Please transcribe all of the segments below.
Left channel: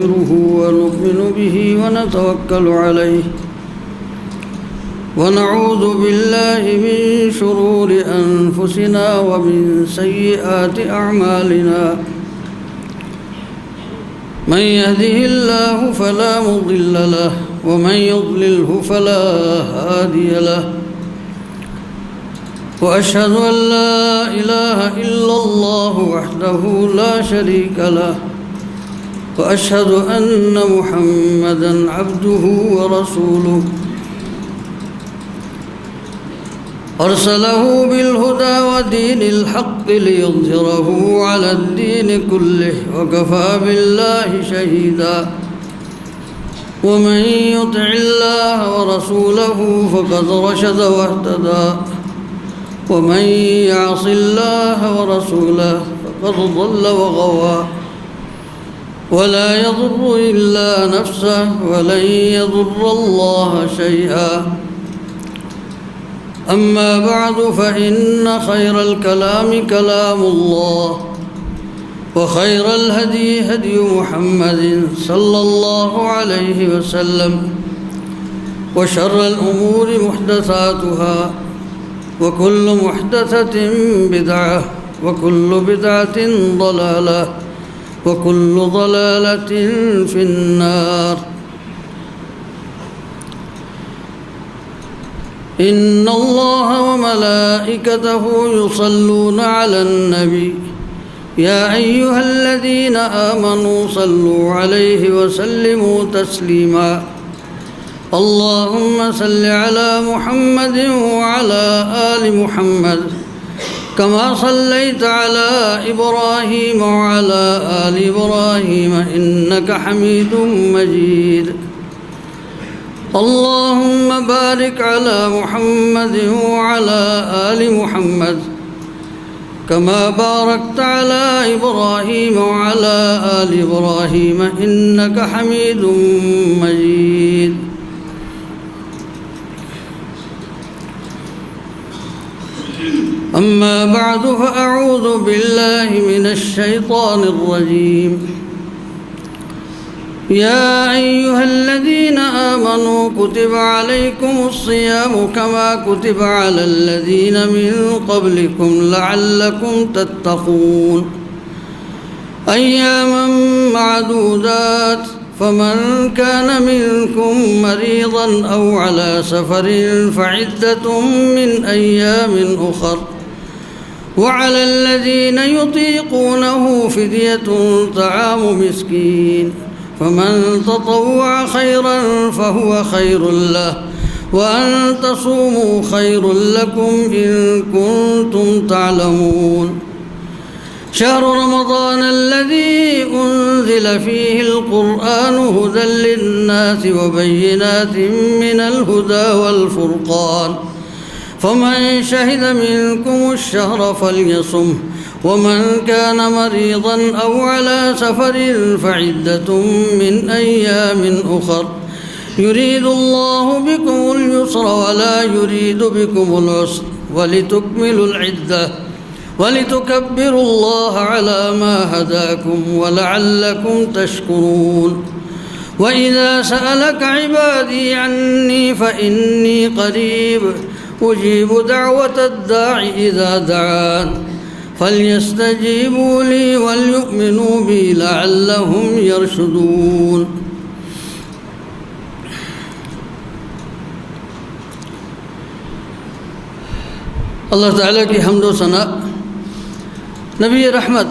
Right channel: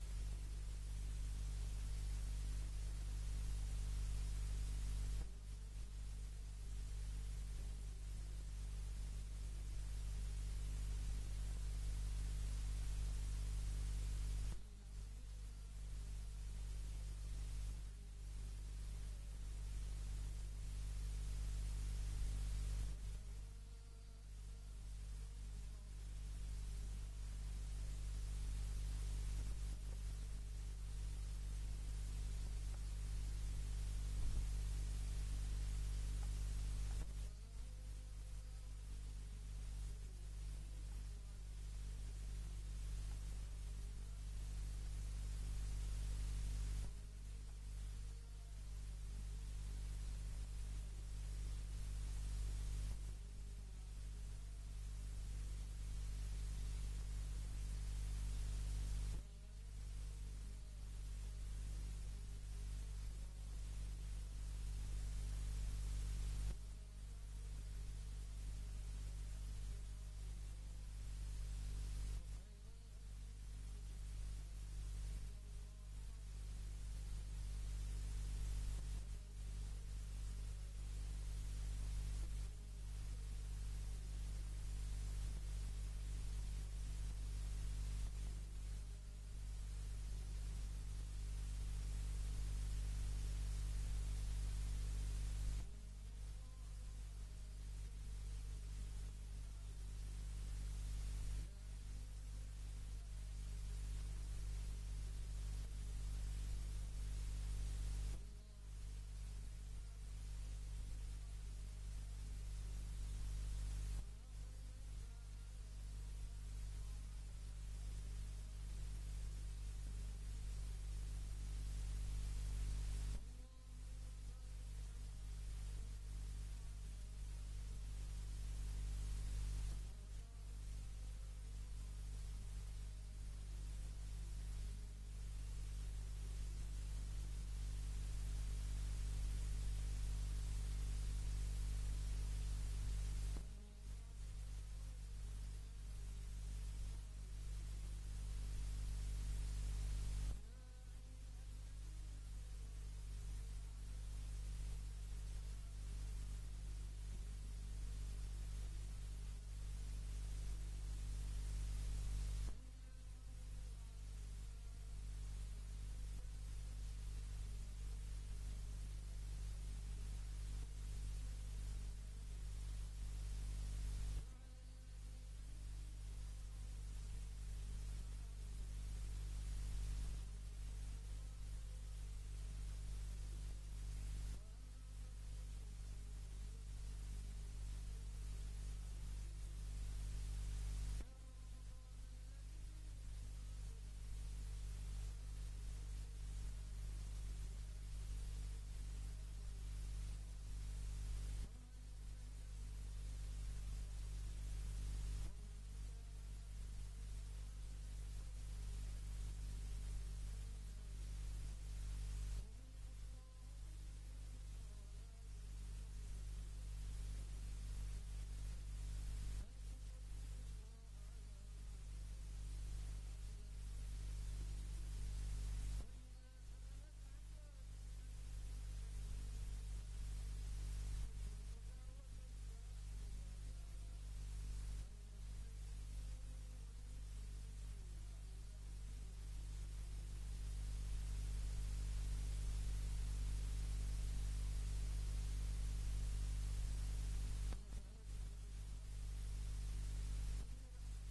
ونؤمن به ونتوكل عليه ونعوذ بالله من شرور أنفسنا ومن سيئات أعمالنا من يهده الله فلا مضل له ومن يضلله فلا هادي له وأشهد أن لا إله إلا الله وحده لا شريك له وأشهد أن محمدًا عبده ورسوله أرسله بالهدى ودين الحق ليظهره على الدين كله وكفى بالله شهيدا ومن يطع الله ورسوله فقد رشد واهتدى ومن يعص الله ورسوله فقد ضل وغوى ولا يضر إلا نفسه ولن يضر الله شيئا أما بعد فإن خير الكلام كلام الله وخير الهدي هدي محمد صلى الله عليه وسلم وشر الأمور محدثاتها وكل محدثة بدعة وكل بدعة ضلالة وكل ضلالة في النار إن الله وملائكته يصلون على النبي يا أيها الذين آمنوا صلوا عليه وسلموا تسليما اللهم صل على محمد وعلى آل محمد كما صليت على إبراهيم وعلى آل إبراهيم إنك حميد مجيد اللهم بارك على محمد وعلى آل محمد كما باركت على إبراهيم وعلى آل إبراهيم إنك حميد مجيد أما بعد فأعوذ بالله من الشيطان الرجيم يا أيها الذين آمنوا كتب عليكم الصيام كما كتب على الذين من قبلكم لعلكم تتقون أياما معدودات فمن كان منكم مريضا أو على سفر فعدة من أيام أخر وعلى الذين يطيقونه فدية طعام مسكين فمن تطوع خيرا فهو خير له وأن تصوموا خير لكم إن كنتم تعلمون شهر رمضان الذي أنزل فيه القرآن هدى للناس وبينات من الهدى والفرقان فمن شهد منكم الشهر فليصم ومن كان مريضا أو على سفر فعدة من أيام أخر يريد الله بكم اليسر ولا يريد بكم العسر ولتكملوا العدة ولتكبروا الله على ما هداكم ولعلكم تشكرون وإذا سألك عبادي عني فإني قريب أجيب دعوة الداع إذا دعان فليستجيبوا لي وليؤمنوا بي لعلهم يرشدون اللہ تعالیٰ کی حمد و ثنا نبی رحمت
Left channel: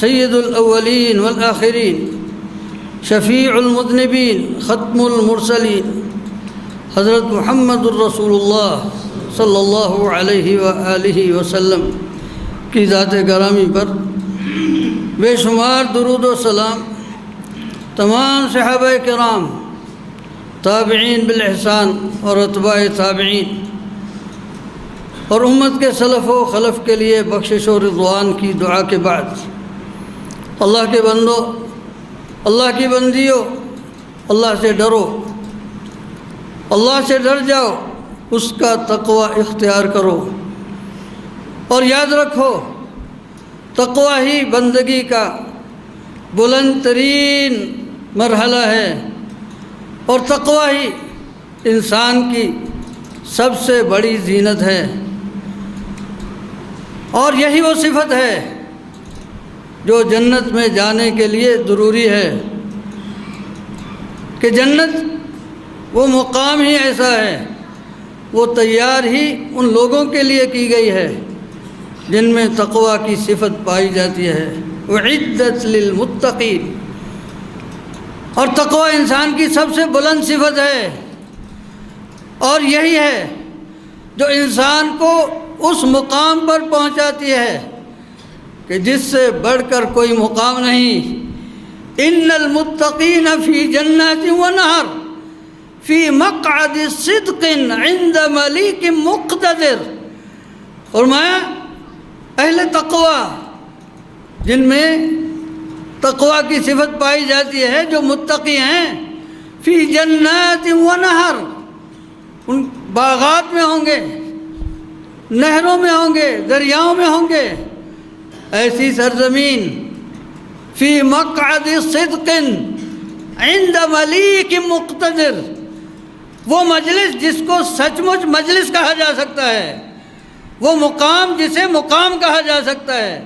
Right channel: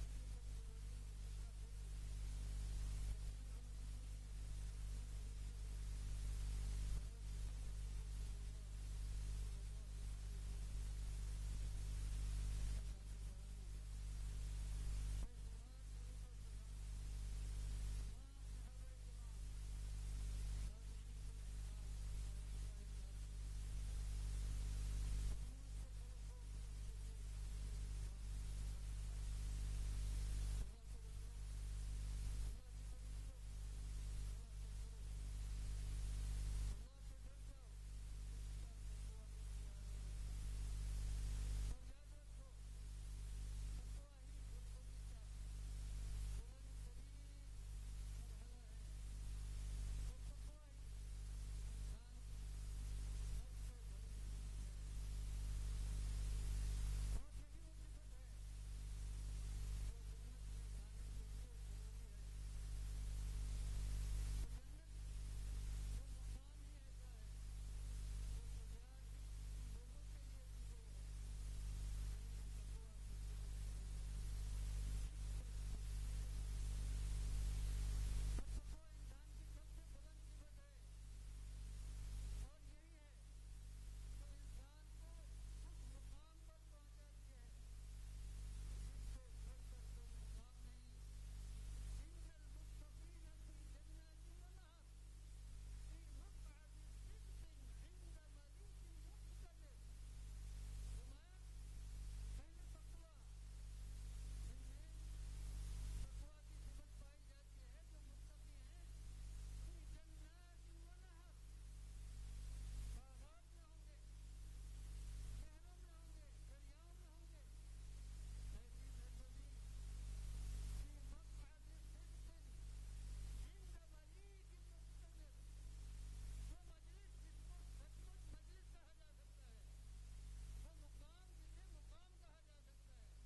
سید الاولین والآخرین شفیع المذنبین ختم المرسلین حضرت محمد الرسول اللہ صلی اللہ علیہ وآلہ وسلم کی ذات گرامی پر بے شمار درود و سلام، تمام صحابہ کرام، تابعین بالاحسان اور اتباع تابعین اور امت کے سلف و خلف کے لیے بخشش و رضوان کی دعا کے بعد، اللہ کے بندوں، اللہ کی بندیوں، اللہ سے ڈرو، اللہ سے ڈر جاؤ، اس کا تقوی اختیار کرو اور یاد رکھو تقوی ہی بندگی کا بلند ترین مرحلہ ہے، اور تقوی ہی انسان کی سب سے بڑی زینت ہے، اور یہی وہ صفت ہے جو جنت میں جانے کے لیے ضروری ہے، کہ جنت وہ مقام ہی ایسا ہے، وہ تیار ہی ان لوگوں کے لیے کی گئی ہے جن میں تقوی کی صفت پائی جاتی ہے۔ اعدت للمتقین، اور تقوی انسان کی سب سے بلند صفت ہے، اور یہی ہے جو انسان کو اس مقام پر پہنچاتی ہے کہ جس سے بڑھ کر کوئی مقام نہیں۔ ان المتقین فی جنات و نہر فی مقعد صدق عند ملیک مقتدر۔ فرمایا اہل تقوی، جن میں تقوی کی صفت پائی جاتی ہے، جو متقی ہیں، فی جنات و نہر، ان باغات میں ہوں گے، نہروں میں ہوں گے، دریاؤں میں ہوں گے، ایسی سرزمین، فی مقعد صدق عند ملیک مقتدر، وہ مجلس جس کو سچ مچ مجلس کہا جا سکتا ہے، وہ مقام جسے مقام کہا جا سکتا ہے،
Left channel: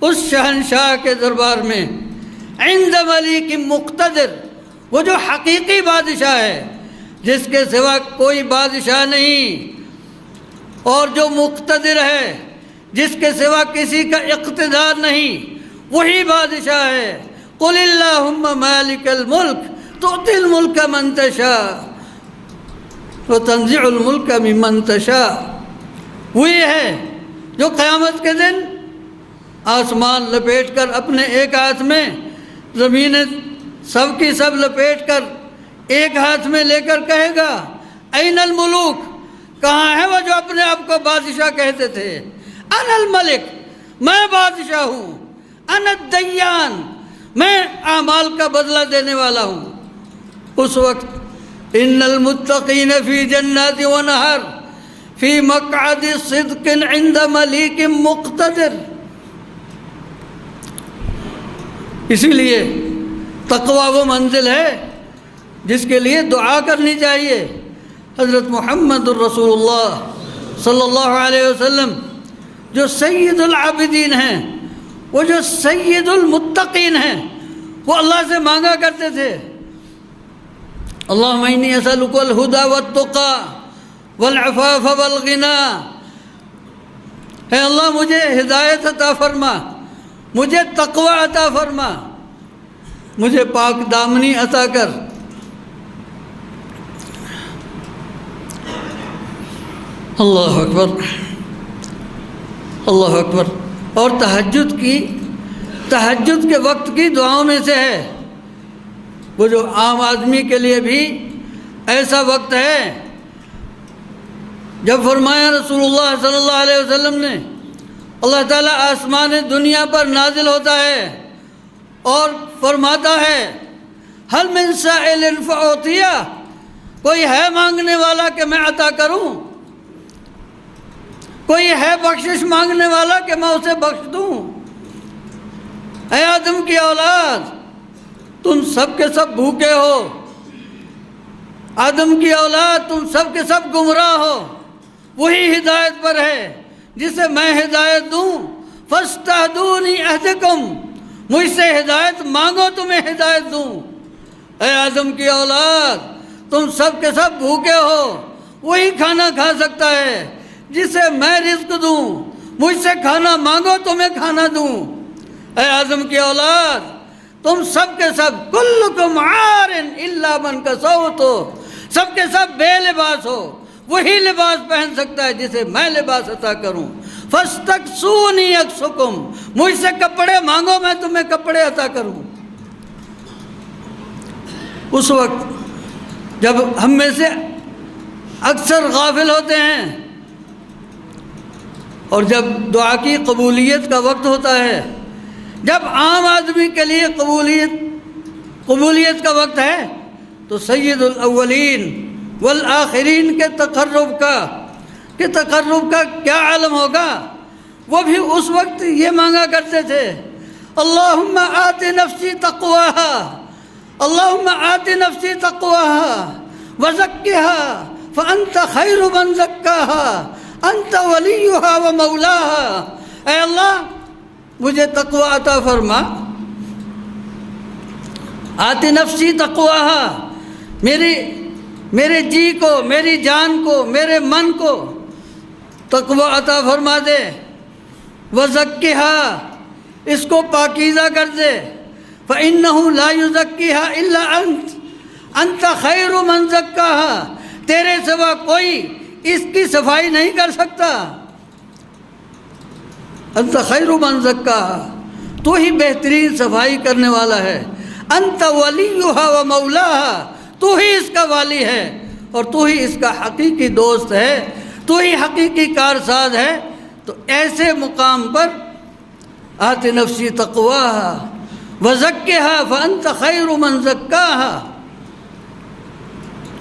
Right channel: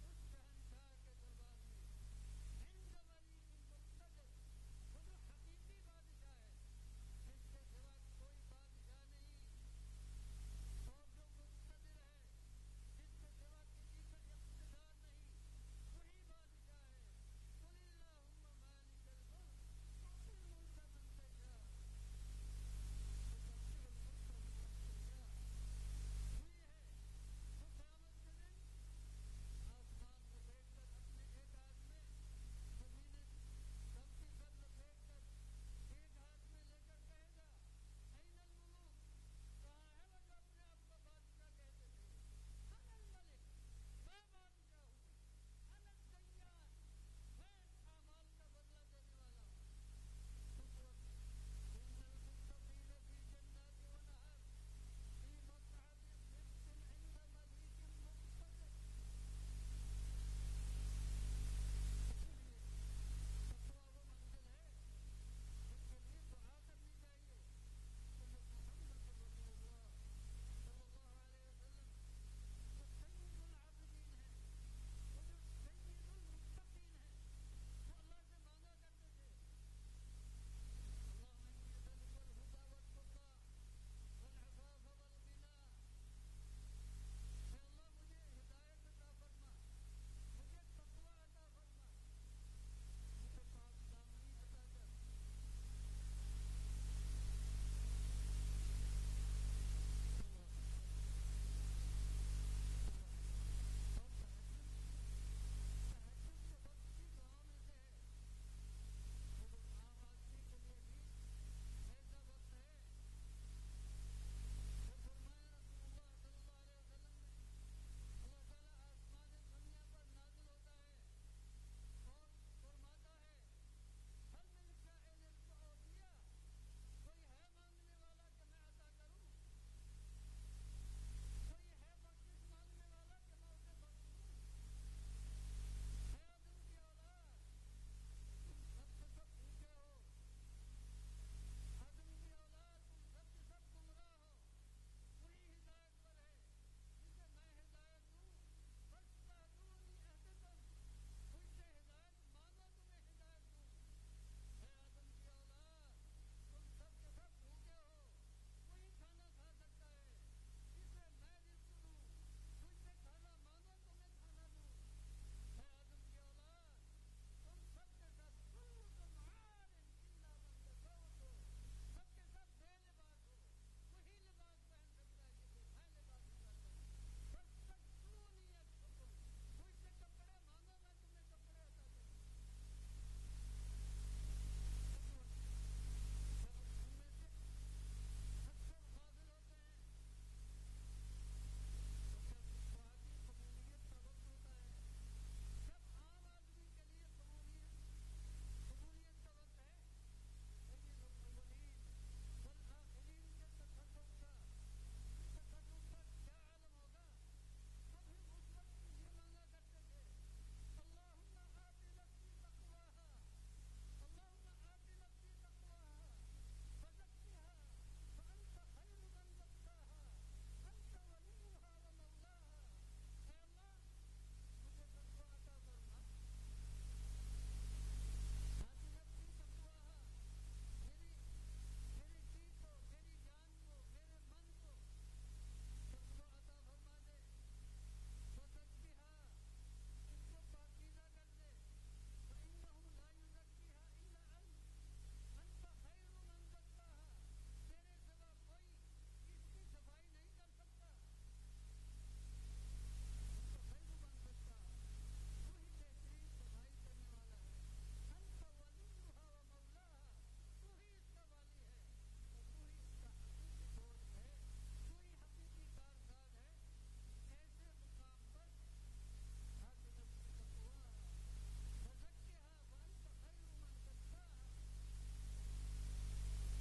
اس شہنشاہ کے دربار میں، عند ملیک مقتدر، وہ جو حقیقی بادشاہ ہے، جس کے سوا کوئی بادشاہ نہیں، اور جو مقتدر ہے، جس کے سوا کسی کا اقتدار نہیں، وہی بادشاہ ہے۔ قل اللہم مالک الملک تؤتی الملک من تشاء وتنزع الملک ممن تشاء، وہی ہے جو قیامت کے دن آسمان لپیٹ کر اپنے ایک ہاتھ میں، زمینیں سب کی سب لپیٹ کر ایک ہاتھ میں لے کر کہے گا این الملوک، کہاں ہے وہ جو اپنے آپ کو بادشاہ کہتے تھے؟ انا الملک، میں بادشاہ ہوں، انا الدیان، میں اعمال کا بدلہ دینے والا ہوں۔ اس وقت ان المتقین فی جنات و نہر فی مقعد صدق عند ملیک مقتدر۔ اسی لیے تقوی وہ منزل ہے جس کے لیے دعا کرنی چاہیے۔ حضرت محمد الرسول اللہ صلی اللہ علیہ وسلم جو سید العابدین ہیں، وہ جو سید المتقین ہیں، وہ اللہ سے مانگا کرتے تھے، اللہم انی اسألک الہدی والتقی والعفاف والغنی، اے اللہ مجھے ہدایت عطا فرما، مجھے تقوی عطا فرما، مجھے پاک دامنی عطا کر۔ اللہ اکبر، اللہ اکبر۔ اور تہجد کے وقت کی دعاؤں میں سے ہے، وہ جو عام آدمی کے لیے بھی ایسا وقت ہے جب فرمایا رسول اللہ صلی اللہ علیہ وسلم نے، اللہ تعالیٰ آسمان دنیا پر نازل ہوتا ہے اور فرماتا ہے حل من سائل فأعطیہ، کوئی ہے مانگنے والا کہ میں عطا کروں، کوئی ہے بخشش مانگنے والا کہ میں اسے بخش دوں۔ اے آدم کی اولاد، تم سب کے سب بھوکے ہو، آدم کی اولاد تم سب کے سب گمراہ ہو، وہی ہدایت پر ہے جسے میں ہدایت دوں۔ فاستہدونی اہدکم، مجھ سے ہدایت مانگو تمہیں ہدایت دوں۔ اے آدم کی اولاد، تم سب کے سب بھوکے ہو، وہی کھانا کھا سکتا ہے جسے میں رزق دوں، مجھ سے کھانا مانگو تمہیں کھانا دوں۔ اے آدم کی اولاد، تم سب کے سب کلکم عار الا من کسوت ہو، سب کے سب بے لباس ہو، وہی لباس پہن سکتا ہے جسے میں لباس عطا کروں۔ فاستکسونی اکسکم، مجھ سے کپڑے مانگو میں تمہیں کپڑے عطا کروں۔ اس وقت جب ہم میں سے اکثر غافل ہوتے ہیں اور جب دعا کی قبولیت کا وقت ہوتا ہے، جب عام آدمی کے لیے قبولیت کا وقت ہے، تو سید الاولین والآخرین کے تقرب کا کیا عالم ہوگا۔ وہ بھی اس وقت یہ مانگا کرتے تھے اللہم آت نفسی تقواہا، اللہم آت نفسی تقواہا وزکھا فانت خیر من زکاہا انت ولیہا ومولاہا۔ اے اللہ مجھے تقوی عطا فرما، آت نفسی تقواہا، میرے جی کو، میری جان کو، میرے من کو تقوی عطا فرما دے، وزکھا، اس کو پاکیزہ کر دے، فإنہ لا یزکیہا الا انت خیر من زکاہا، تیرے سوا کوئی اس کی صفائی نہیں کر سکتا، انت خیر من زکاہا، تو ہی بہترین صفائی کرنے والا ہے، انت ولیہا و مولاہا، تو ہی اس کا والی ہے اور تو ہی اس کا حقیقی دوست ہے، تو ہی حقیقی کارساز ہے۔ تو ایسے مقام پر آت نفسی تقواہا وزکھا فانت خیر من زکاہا،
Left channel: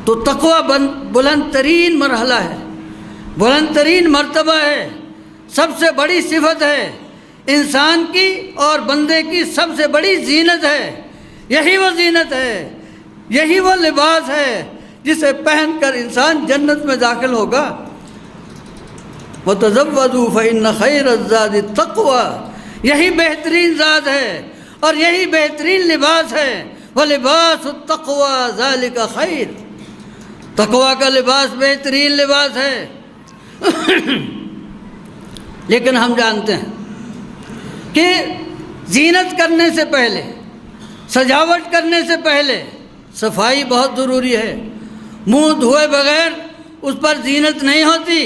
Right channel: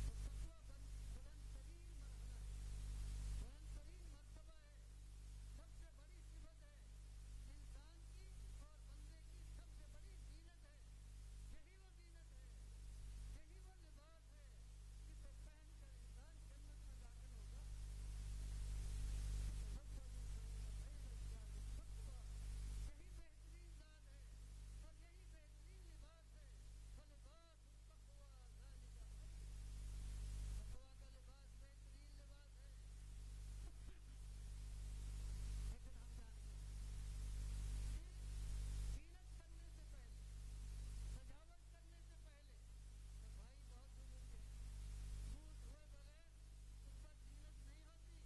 تو تقوی بلند ترین مرحلہ ہے، بلند ترین مرتبہ ہے، سب سے بڑی صفت ہے، انسان کی اور بندے کی سب سے بڑی زینت ہے، یہی وہ زینت ہے، یہی وہ لباس ہے جسے پہن کر انسان جنت میں داخل ہوگا۔ وَتَزَوَّدُوا فَإِنَّ خَيْرَ الزَّادِ التَّقْوَىٰ، یہی بہترین ذات ہے اور یہی بہترین لباس ہے، وَلِبَاسُ التَّقْوَىٰ ذَلِكَ خَيْرٌ، تقوی کا لباس بہترین لباس ہے۔ لیکن ہم جانتے ہیں کہ زینت کرنے سے پہلے، سجاوٹ کرنے سے پہلے صفائی بہت ضروری ہے، منہ دھوئے بغیر اس پر زینت نہیں ہوتی،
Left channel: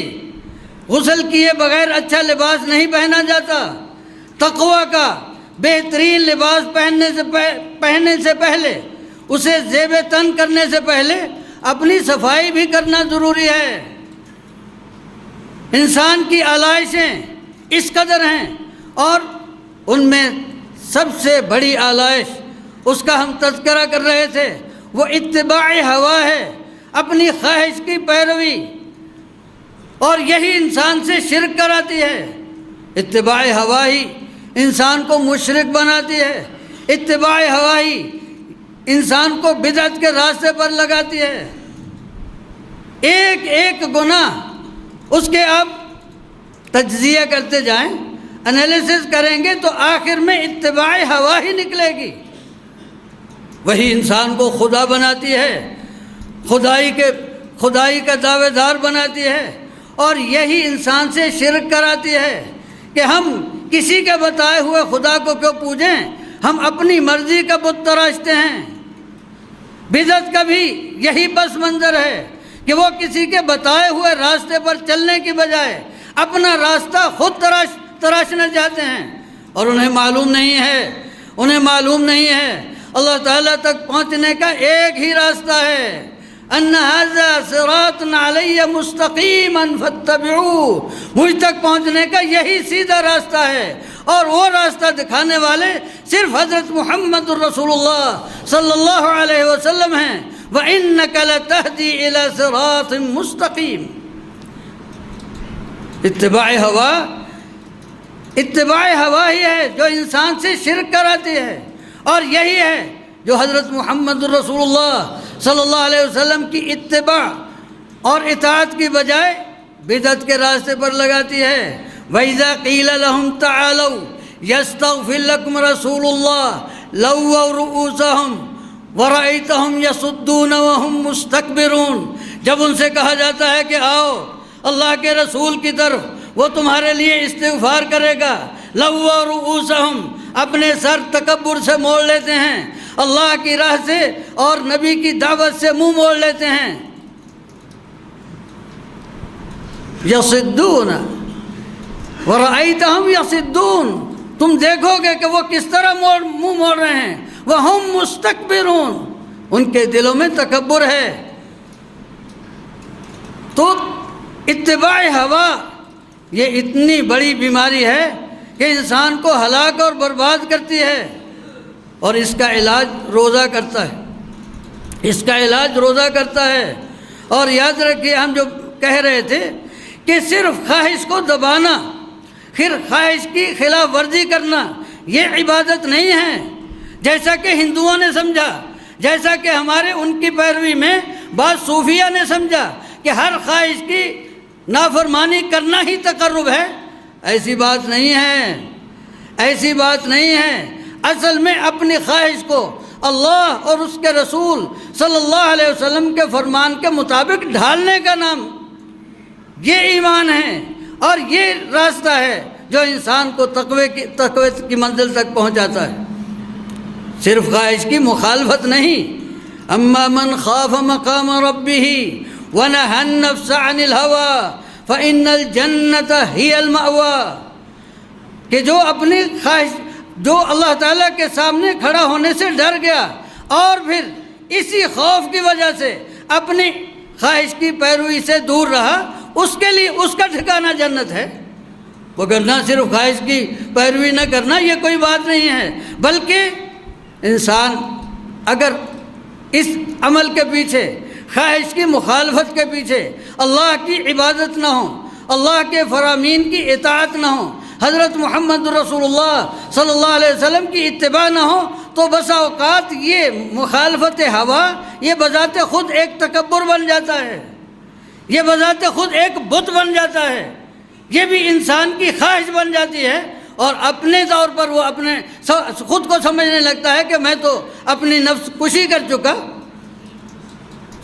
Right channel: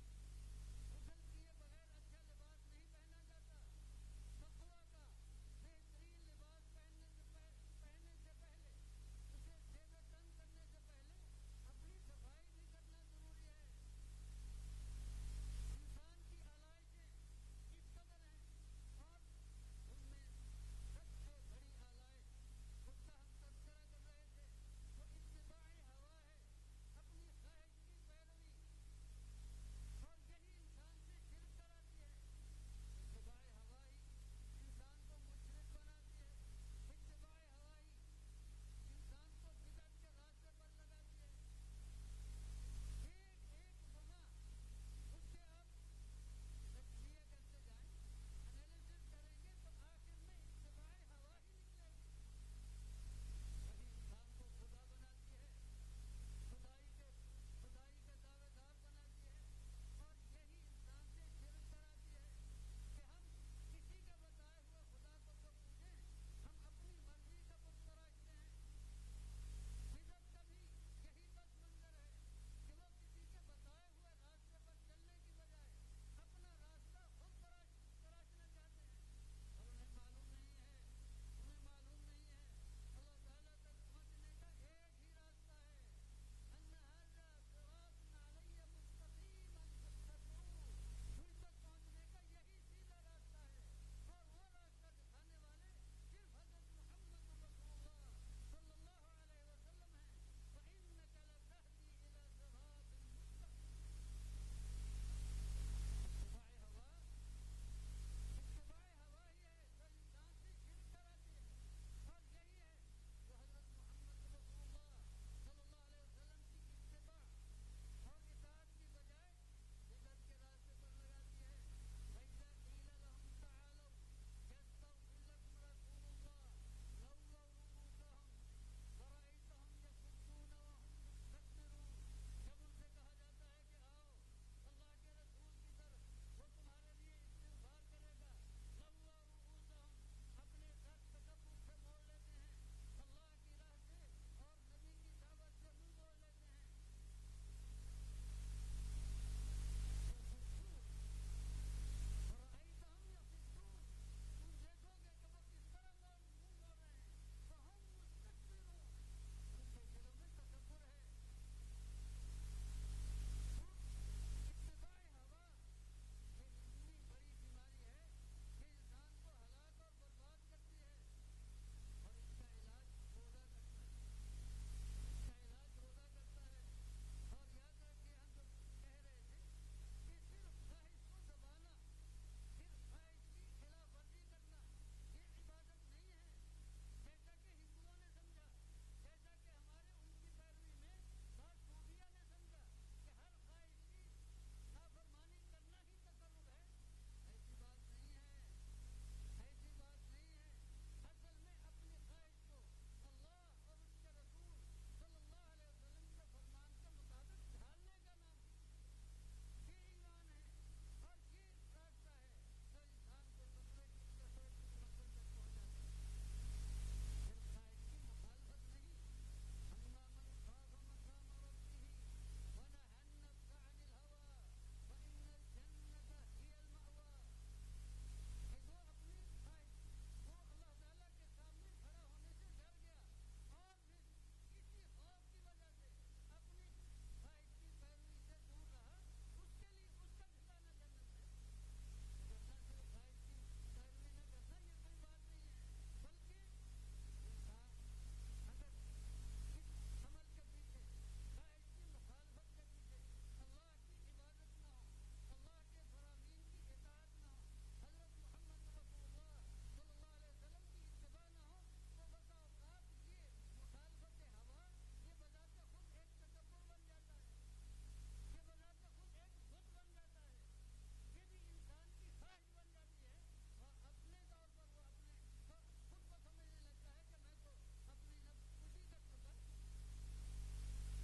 غسل کیے بغیر اچھا لباس نہیں پہنا جاتا۔ تقوی کا بہترین لباس پہننے سے پہلے، اسے زیب تن کرنے سے پہلے اپنی صفائی بھی کرنا ضروری ہے۔ انسان کی آلائشیں اس قدر ہیں اور ان میں سب سے بڑی آلائش، اس کا ہم تذکرہ کر رہے تھے، وہ اتباع ہوا ہے، اپنی خواہش کی پیروی، اور یہی انسان سے شرک کراتی ہے۔ اتباع ہوا ہی انسان کو مشرک بناتی ہے، اتباع ہوا ہی انسان کو بدعت کے راستے پر لگاتی ہے۔ ایک ایک گناہ اس کے آپ تجزیہ کرتے جائیں، انالیسس کریں گے تو آخر میں اتباع ہوا ہی نکلے گی۔ وہی انسان کو خدا بناتی ہے، خدائی کا دعوے دار بناتی ہے، اور یہی انسان سے شرک کراتی ہے کہ ہم کسی کے بتائے ہوئے خدا کو کیوں پوجیں، ہم اپنی مرضی کا بت تراشتے ہیں۔ بدعت کا بھی یہی پس منظر ہے کہ وہ کسی کے بتائے ہوئے راستے پر چلنے کی بجائے اپنا راستہ خود تراشنا چاہتے ہیں، اور انہیں معلوم نہیں ہے اللہ تعالیٰ تک پہنچنے کا ایک ہی راستہ ہے، ان ھذا صراط علی مستقیما فاتبعوہ، مجھ تک پہنچنے کا یہی سیدھا راستہ ہے، اور وہ راستہ دکھانے والے صرف حضرت محمد الرسول اللہ صلی اللہ علیہ وسلم ہیں۔ وَإِنَّكَ لَتَهْدِي إِلَى صِرَاطٍ مُسْتَقِيمٍ۔ اتباع ہوا ہی ہے جو انسان سے شرک کراتی ہے، اور یہی ہے جو حضرت محمد الرسول اللہ صلی اللہ علیہ وسلم کی اتباع اور اطاعت کی بجائے بدعت کے راستے پر لگاتی ہے۔ وَإِذَا قِيلَ لَهُمْ تَعَالَوْا يَسْتَغْفِرْ لَكُمْ رَسُولُ اللَّهِ لَوَّوْا رُؤُوسَهُمْ وَرَأَيْتَهُمْ يَصُدُّونَ وَهُمْ مُسْتَكْبِرُونَ، جب ان سے کہا جاتا ہے کہ آؤ اللہ کے رسول کی طرف، وہ تمہارے لیے استغفار کرے گا، لَوَّوْا رُؤُوسَهُمْ، اپنے سر تکبر سے موڑ لیتے ہیں، اللہ کی راہ سے اور نبی کی دعوت سے منہ موڑ لیتے ہیں۔ یصدون ورأیتہم یصدون، تم دیکھو گے کہ وہ کس طرح منہ موڑ رہے ہیں، وہم مستکبرون، ان کے دلوں میں تکبر ہے۔ تو اتباع ہوا یہ اتنی بڑی بیماری ہے کہ انسان کو ہلاک اور برباد کرتی ہے، اور اس کا علاج روزہ کرتا ہے۔ اور یاد رکھیے، ہم جو کہہ رہے تھے کہ صرف خواہش کو دبانا، پھر خواہش کی خلاف ورزی کرنا، یہ عبادت نہیں ہے، جیسا کہ ہندوؤں نے سمجھا جیسا کہ ہمارے ان کی پیروی میں بعض صوفیہ نے سمجھا کہ ہر خواہش کی نافرمانی کرنا ہی تقرب ہے۔ ایسی بات نہیں ہے، ایسی بات نہیں ہے۔ اصل میں اپنی خواہش کو اللہ اور اس کے رسول صلی اللہ علیہ وسلم کے فرمان کے مطابق ڈھالنے کا نام یہ ایمان ہے، اور یہ راستہ ہے جو انسان کو تقوی کی منزل تک پہنچاتا ہے، صرف خواہش کی مخالفت نہیں۔ اما من خاف مقام ربہ ونہى النفس عن الہوى فإن الجنة ہی المأوى، کہ جو اپنی خواہش، جو اللہ تعالیٰ کے سامنے کھڑا ہونے سے ڈر گیا اور پھر اسی خوف کی وجہ سے اپنی خواہش کی پیروی سے دور رہا، اس کے لیے اس کا ٹھکانہ جنت ہے۔ وہ کرنا صرف خواہش کی پیروی نہ کرنا یہ کوئی بات نہیں ہے، بلکہ انسان اگر اس عمل کے پیچھے، خواہش کی مخالفت کے پیچھے اللہ کی عبادت نہ ہو، اللہ کے فرامین کی اطاعت نہ ہو، حضرت محمد رسول اللہ صلی اللہ علیہ وسلم کی اتباع نہ ہو، تو بسا اوقات یہ مخالفت ہوا یہ بذات خود ایک تکبر بن جاتا ہے، یہ بذات خود ایک بت بن جاتا ہے، یہ بھی انسان کی خواہش بن جاتی ہے، اور اپنے طور پر وہ اپنے خود کو سمجھنے لگتا ہے کہ میں تو اپنی نفس کشی کر چکا۔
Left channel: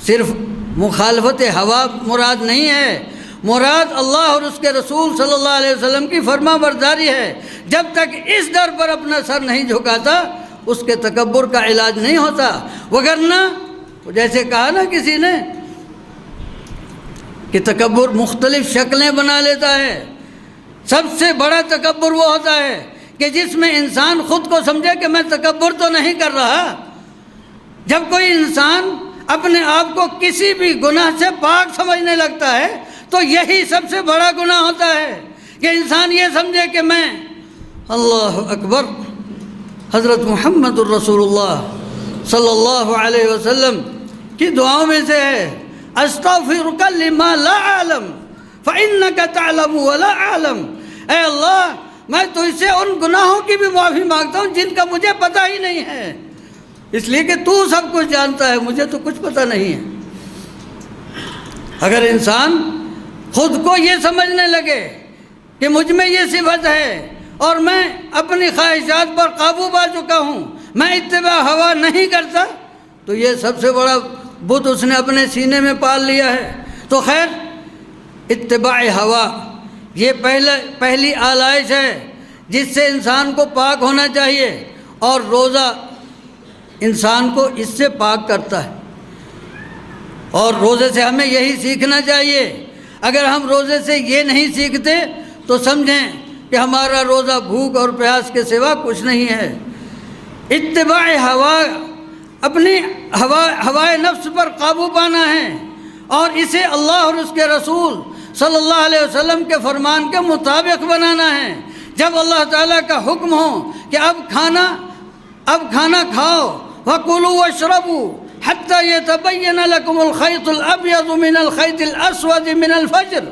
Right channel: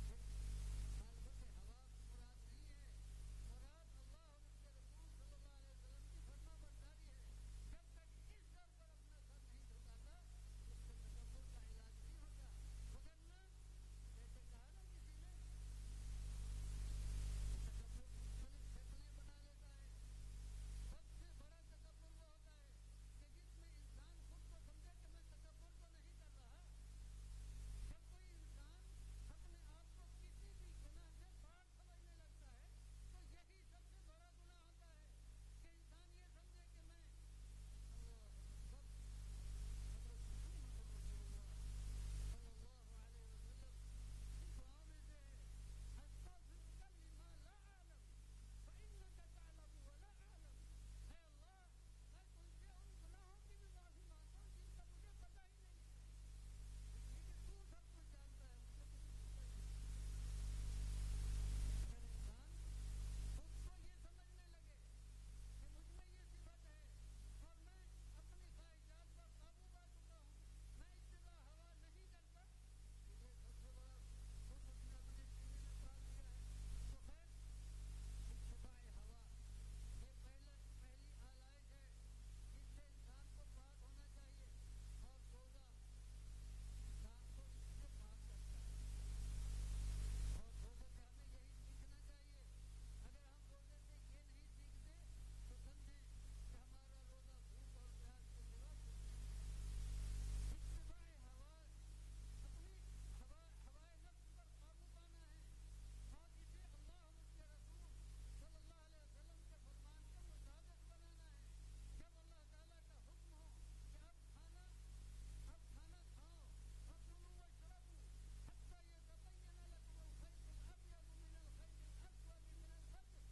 صرف مخالفت ہوا مراد نہیں ہے، مراد اللہ اور اس کے رسول صلی اللہ علیہ وسلم کی فرما برداری ہے۔ جب تک اس ڈر پر اپنا سر نہیں جھکاتا اس کے تکبر کا علاج نہیں ہوتا، وگرنہ جیسے کہا نا کسی نے کہ تکبر مختلف شکلیں بنا لیتا ہے۔ سب سے بڑا تکبر وہ ہوتا ہے کہ جس میں انسان خود کو سمجھے کہ میں تکبر تو نہیں کر رہا۔ جب کوئی انسان اپنے آپ کو کسی بھی گناہ سے پاک سمجھنے لگتا ہے تو یہی سب سے بڑا گناہ ہوتا ہے کہ انسان یہ سمجھے کہ میں اللہ اکبر، حضرت محمد الرسول اللہ صلی اللہ علیہ وسلم کی دعاؤں میں سے ہے استغفرک لما لا اعلم فانک تعلم ولا اعلم، اے اللہ میں تجھ سے ان گناہوں کی بھی معافی مانگتا ہوں جن کا مجھے پتہ ہی نہیں ہے، اس لیے کہ تو سب کچھ جانتا ہے، مجھے تو کچھ پتہ نہیں ہے۔ اگر انسان خود کو یہ سمجھنے لگے کہ مجھ میں یہ صفت ہے اور میں اپنی خواہشات پر قابو پا چکا ہوں، میں اتباع ہوا نہیں کرتا، تو یہ سب سے بڑا بت اس نے اپنے سینے میں پال لیا ہے۔ تو خیر، اتباع ہوا یہ پہلی آلائش ہے جس سے انسان کو پاک ہونا چاہیے، اور روزہ انسان کو اس سے پاک کرتا ہے، اور روزے سے ہمیں یہی سیکھنا چاہیے۔ اگر ہم روزے سے یہ نہیں سیکھتے تو سمجھیں کہ ہمارا روزہ بھوک اور پیاس کے سوا کچھ نہیں ہے۔ اتباع ہوا، اپنی ہوائے نفس پر قابو پانا ہے، اور اسے اللہ اور اس کے رسول صلی اللہ علیہ وسلم کے فرمان کے مطابق بنانا ہے۔ جب اللہ تعالیٰ کا حکم ہو کہ اب کھانا کھاؤ، وَكُلُوا وَاشْرَبُوا حَتَّى يَتَبَيَّنَ لَكُمُ الْخَيْطُ الْأَبْيَضُ مِنَ الْخَيْطِ الْأَسْوَدِ مِنَ الْفَجْرِ،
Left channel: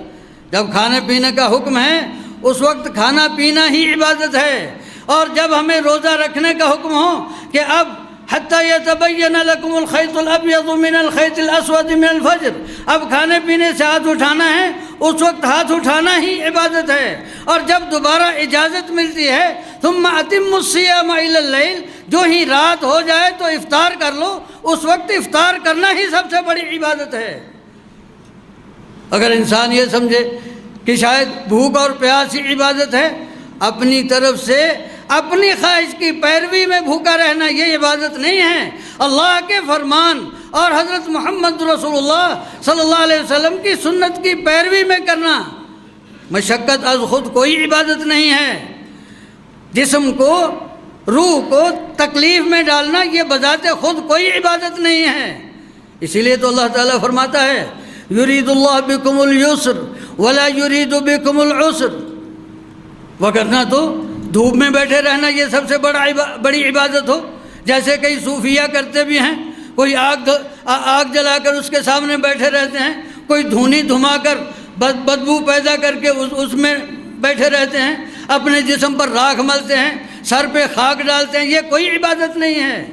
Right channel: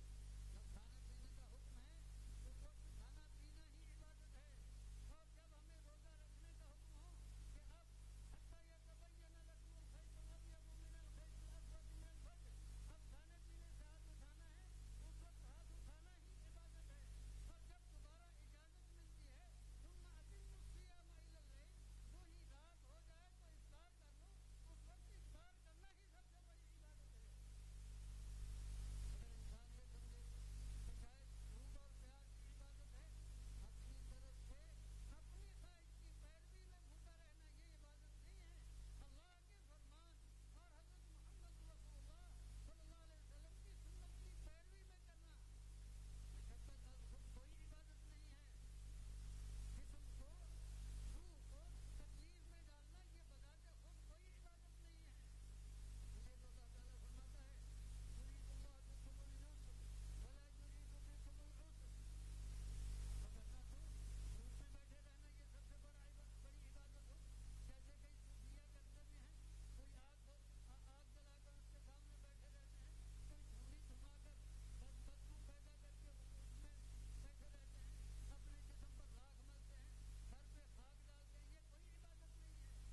جب کھانے پینے کا حکم ہے اس وقت کھانا پینا ہی عبادت ہے، اور جب ہمیں روزہ رکھنے کا حکم ہو کہ اب حَتَّى يَتَبَيَّنَ لَكُمُ الْخَيْطُ الْأَبْيَضُ مِنَ الْخَيْطِ الْأَسْوَدِ مِنَ الْفَجْرِ، اب کھانے پینے سے ہاتھ اٹھانا ہے، اس وقت ہاتھ اٹھانا ہی عبادت ہے، اور جب دوبارہ اجازت ملتی ہے ثُمَّ أَتِمُّوا الصِّيَامَ إِلَى اللَّيْلِ، جو ہی رات ہو جائے تو افطار کر لو، اس وقت افطار کرنا ہی سب سے بڑی عبادت ہے۔ اگر انسان یہ سمجھے کہ شاید بھوک اور پیاس ہی عبادت ہے، اپنی طرف سے اپنی خواہش کی پیروی میں بھوکا رہنا یہ عبادت نہیں ہے۔ اللہ کے فرمان اور حضرت محمد رسول اللہ صلی اللہ علیہ وسلم کی سنت کی پیروی میں کرنا مشقت از خود کوئی عبادت نہیں ہے۔ جسم کو، روح کو تکلیف میں ڈالنا یہ بذات خود کوئی عبادت نہیں ہے۔ اسی لیے تو اللہ تعالیٰ فرماتا ہے یرید اللہ بکم اليسر ولا یرید بکم العسر، وگرنہ تو دھوپ میں بیٹھے رہنا یہ سب سے بڑی عبادت ہو، جیسے کئی صوفیہ کرتے بھی ہیں، کوئی آگ جلا کر اس کے سامنے بیٹھے رہتے ہیں، کوئی دھونی دھما کر بدبو پیدا کر کے اس میں بیٹھے رہتے ہیں، اپنے جسم پر راکھ ملتے ہیں، سر پہ خاک ڈالتے ہیں، یہ کوئی عبادت نہیں ہے،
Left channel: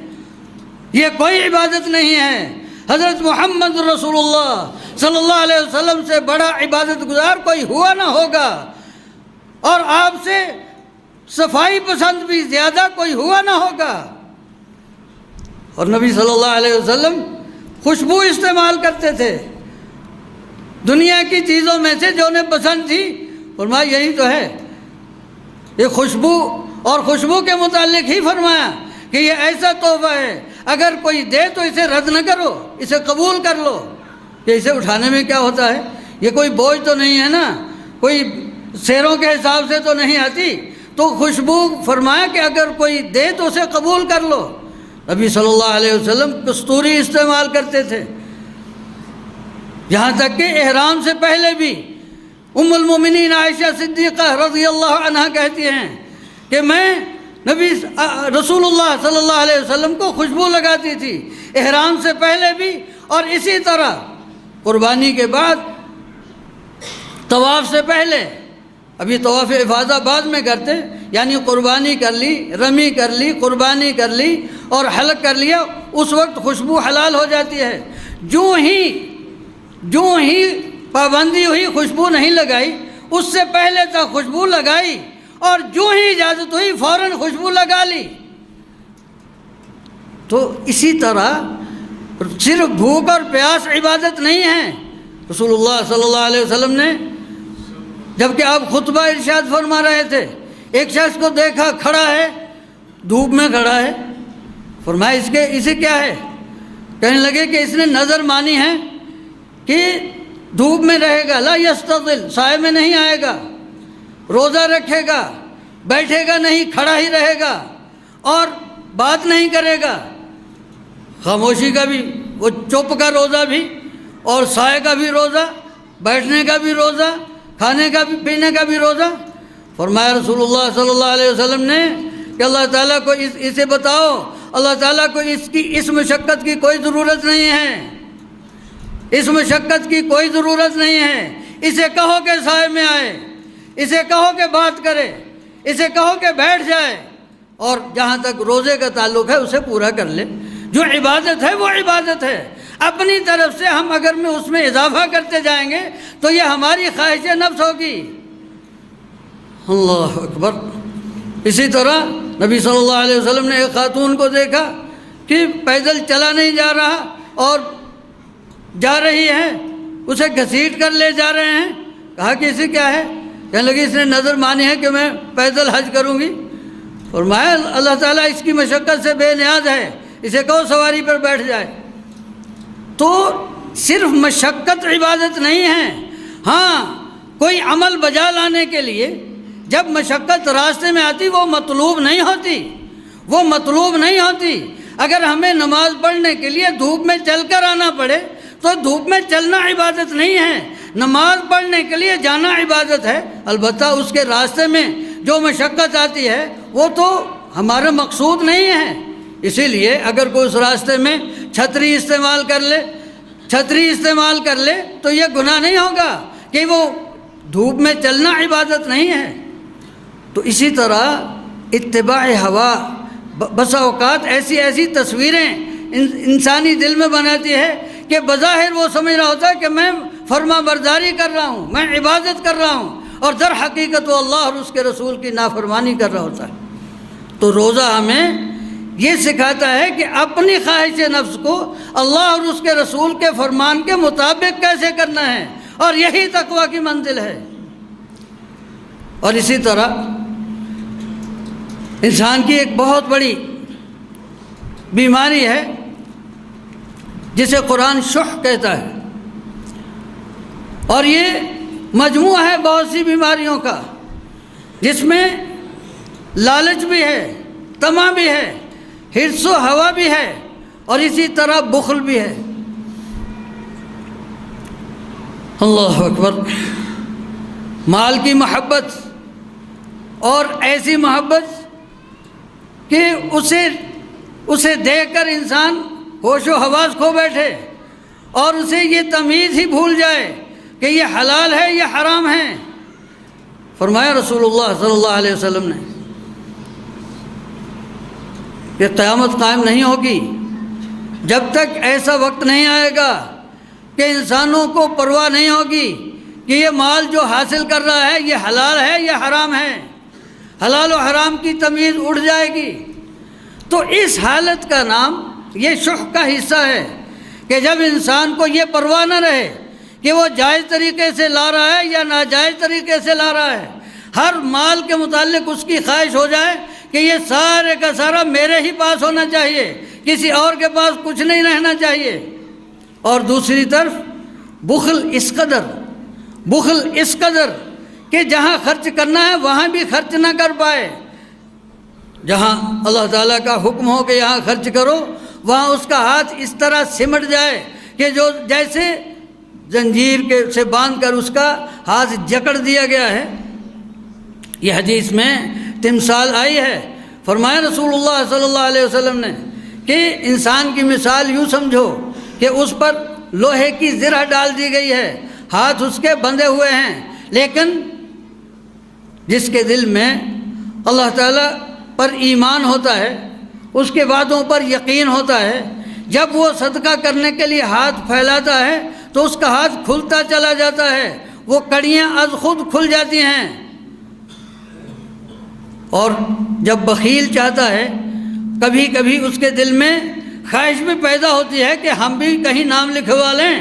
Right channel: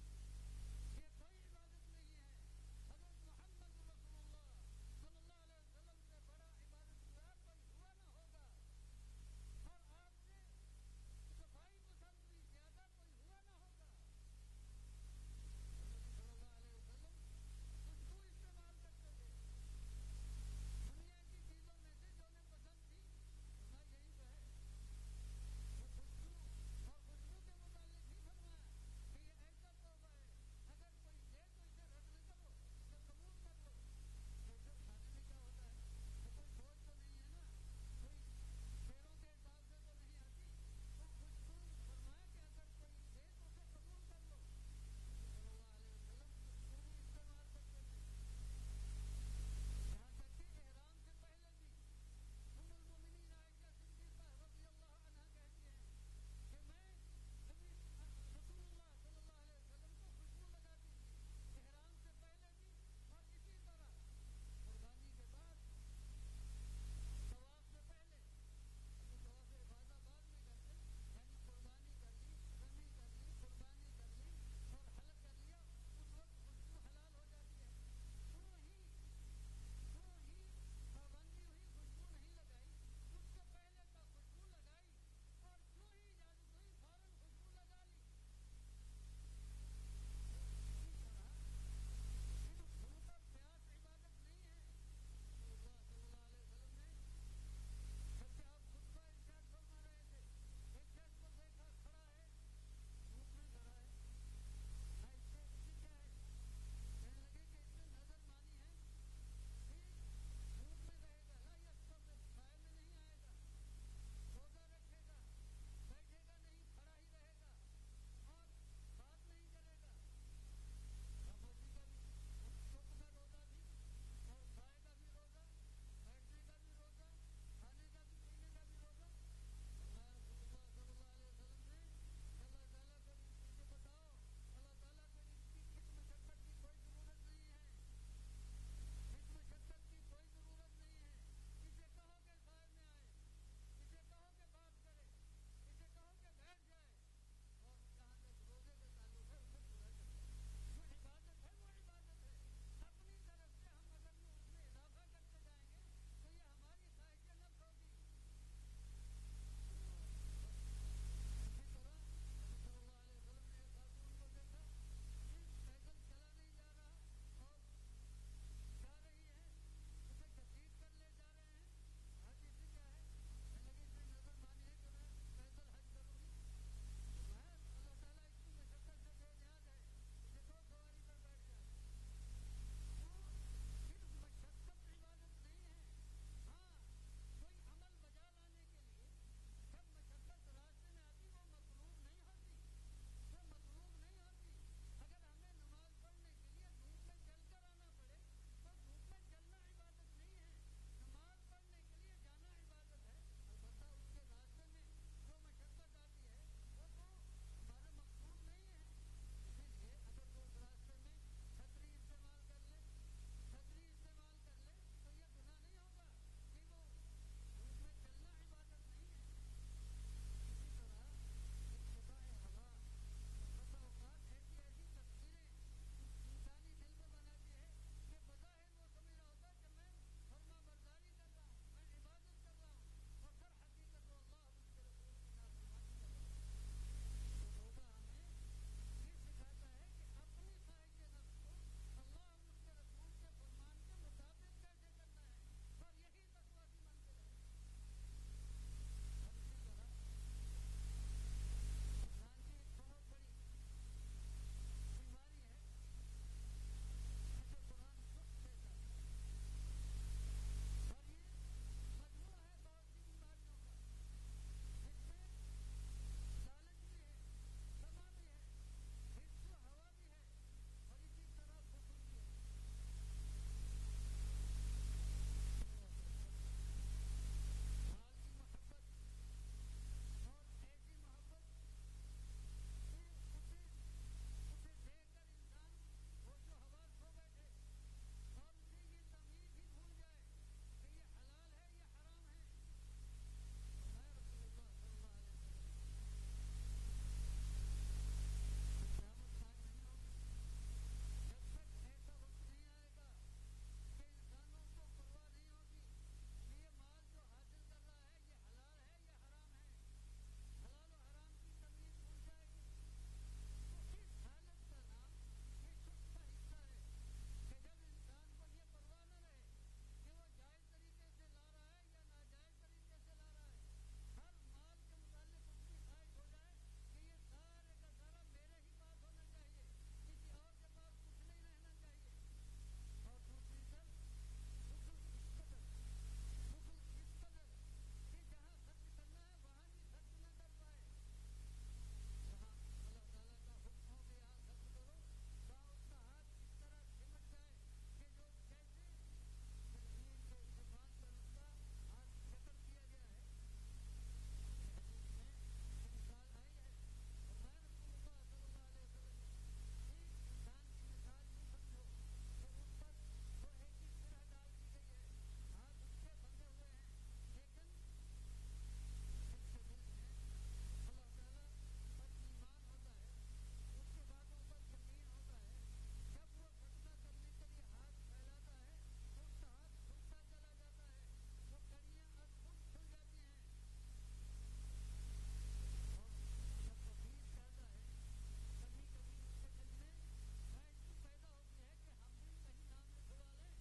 یہ کوئی عبادت نہیں ہے۔ حضرت محمد رسول اللہ صلی اللہ علیہ وسلم سے بڑا عبادت گزار کوئی ہوا نہ ہوگا، اور آپ سے صفائی پسند بھی زیادہ کوئی ہوا نہ ہوگا۔ اور نبی صلی اللہ علیہ وسلم خوشبو استعمال کرتے تھے دنیا کی چیزوں میں سے جو انہیں پسند تھی، فرمایا یہی تو ہے یہ خوشبو، اور خوشبو کے متعلق ہی فرمایا کہ یہ ایسا تحفہ ہے اگر کوئی دے تو اسے رد نہ کرو، اسے قبول کر لو۔ کہ اسے اٹھانے میں کیا ہوتا ہے، یہ کوئی بوجھ تو نہیں ہے نا، کوئی سیروں کے حساب سے تو نہیں آتی، تو خوشبو فرمایا کہ اگر کوئی دے تو اسے قبول کر لو۔ نبی صلی اللہ علیہ وسلم کستوری استعمال کرتے تھے، یہاں تک کہ احرام سے پہلے بھی ام المومنین عائشہ صدیقہ رضی اللہ عنہا کہتی ہیں کہ میں نبی رسول اللہ صلی اللہ علیہ وسلم کو خوشبو لگاتی تھی احرام سے پہلے بھی، اور اسی طرح قربانی کے بعد، طواف سے پہلے۔ ابھی طواف افاضہ بعد میں کرتے، یعنی قربانی کر لی، رمی کر لی، قربانی کر لی اور حلق کر لیا، اس وقت خوشبو حلال ہو جاتی ہے۔ جو ہی پابندی ہوئی خوشبو نہیں لگائی، اس سے پہلے تک خوشبو لگائی، اور جو ہی اجازت ہوئی فوراً خوشبو لگا لی۔ تو اسی طرح صرف بھوک اور پیاس عبادت نہیں ہے۔ رسول اللہ صلی اللہ علیہ وسلم نے جبکہ آپ خطبہ ارشاد فرما رہے تھے، ایک شخص کو دیکھا کھڑا ہے، دھوپ میں کھڑا ہے، فرمایا اسے کیا ہے؟ کہنے لگے کہ اس نے نظر مانی ہے کہ دھوپ میں رہے گا، لا یستظل، سائے میں نہیں آئے گا، روزہ رکھے گا، بیٹھے گا نہیں، کھڑا ہی رہے گا اور بات نہیں کرے گا، خاموشی کا بھی، وہ چپ کا روزہ بھی، اور سائے کا بھی روزہ، بیٹھنے کا بھی روزہ، کھانے کا بھی، پینے کا بھی روزہ۔ فرمایا رسول اللہ صلی اللہ علیہ وسلم نے کہ اللہ تعالیٰ کو اسے بتاؤ، اللہ تعالیٰ کو اس مشقت کی کوئی ضرورت نہیں ہے، اس مشقت کی کوئی ضرورت نہیں ہے، اسے کہو کہ سائے میں آئے، اسے کہو کہ بات کرے، اسے کہو کہ بیٹھ جائے، اور جہاں تک روزے کا تعلق ہے اسے پورا کر لے۔ جو عبادت ہے وہ عبادت ہے، اپنی طرف سے ہم اگر اس میں اضافہ کرتے جائیں گے تو یہ ہماری خواہش نفس ہوگی۔ اللہ اکبر۔ اسی طرح نبی صلی اللہ علیہ وسلم نے ایک خاتون کو دیکھا کہ پیدل چلا نہیں جا رہا اور جا رہی ہے، اسے گھسیٹ کر لے جا رہے ہیں، کہا کہ اسے کیا ہے؟ کہنے لگی اس نے نظر مانی ہے کہ میں پیدل حج کروں گی۔ فرمایا اللہ تعالیٰ اس کی مشقت سے بے نیاز ہے، اسے کہو سواری پر بیٹھ جائے۔ تو صرف مشقت عبادت نہیں ہے، ہاں کوئی عمل بجا لانے کے لیے جب مشقت راستے میں آتی وہ مطلوب نہیں ہوتی، وہ مطلوب نہیں ہوتی۔ اگر ہمیں نماز پڑھنے کے لیے دھوپ میں چل کر آنا پڑے تو دھوپ میں چلنا عبادت نہیں ہے، نماز پڑھنے کے لیے جانا عبادت ہے۔ البتہ اس کے راستے میں جو مشقت آتی ہے وہ تو ہمارا مقصود نہیں ہے، اسی لیے اگر کوئی اس راستے میں چھتری استعمال کر لے تو یہ گناہ نہیں ہوگا کہ وہ دھوپ میں چلنا عبادت نہیں ہے۔ تو اسی طرح اتباع ہوا بسا اوقات ایسی تصویریں انسانی دل میں بناتی ہے کہ بظاہر وہ سمجھ رہا ہوتا ہے کہ میں فرما برداری کر رہا ہوں، میں عبادت کر رہا ہوں، اور در حقیقت وہ اللہ اور اس کے رسول کی نافرمانی کر رہا ہوتا ہے۔ تو روزہ ہمیں یہ سکھاتا ہے کہ اپنی خواہش نفس کو اللہ اور اس کے رسول کے فرمان کے مطابق کیسے کرنا ہے، اور یہی تقویٰ کی منزل ہے۔ اور اسی طرح انسان کی ایک بہت بڑی بیماری ہے جسے قرآن شح کہتا ہے، اور یہ مجموعہ ہے بہت سی بیماریوں کا، جس میں لالچ بھی ہے، طمع بھی ہے، حرص و ہوا بھی ہے، اور اسی طرح بخل بھی ہے۔ اللہ اکبر۔ مال کی محبت، اور ایسی محبت کہ اسے دیکھ کر انسان ہوش و حواس کھو بیٹھے اور اسے یہ تمیز ہی بھول جائے کہ یہ حلال ہے یہ حرام ہے۔ فرمایا رسول اللہ صلی اللہ علیہ وسلم نے کہ قیامت قائم نہیں ہوگی جب تک ایسا وقت نہیں آئے گا کہ انسانوں کو پرواہ نہیں ہوگی کہ یہ مال جو حاصل کر رہا ہے یہ حلال ہے یا حرام ہے، حلال و حرام کی تمیز اڑ جائے گی، تو اس حالت کا نام یہ شح کا حصہ ہے کہ جب انسان کو یہ پرواہ نہ رہے کہ وہ جائز طریقے سے لا رہا ہے یا ناجائز طریقے سے لا رہا ہے، ہر مال کے متعلق اس کی خواہش ہو جائے کہ یہ سارے کا سارا میرے ہی پاس ہونا چاہیے، کسی اور کے پاس کچھ نہیں رہنا چاہیے۔ اور دوسری طرف بخل اس قدر کہ جہاں خرچ کرنا ہے وہاں بھی خرچ نہ کر پائے، جہاں اللہ تعالیٰ کا حکم ہو کہ یہاں خرچ کرو وہاں اس کا ہاتھ اس طرح سمٹ جائے کہ جو جیسے زنجیر سے باندھ کر اس کا ہاتھ جکڑ دیا گیا ہے۔ یہ حدیث میں تمثال آئی ہے، فرمایا رسول اللہ صلی اللہ علیہ وسلم نے کہ انسان کی مثال یوں سمجھو کہ اس پر لوہے کی زرہ ڈال دی گئی ہے، ہاتھ اس کے بندھے ہوئے ہیں، لیکن جس کے دل میں اللہ تعالیٰ پر ایمان ہوتا ہے، اس کے وعدوں پر یقین ہوتا ہے، جب وہ صدقہ کرنے کے لیے ہاتھ پھیلاتا ہے تو اس کا ہاتھ کھلتا چلا جاتا ہے، وہ کڑیاں از خود کھل جاتی ہیں۔ اور جب بخیل چاہتا ہے، کبھی کبھی اس کے دل میں خواہش بھی پیدا ہوتی ہے کہ ہم بھی کہیں نام لکھوا لیں،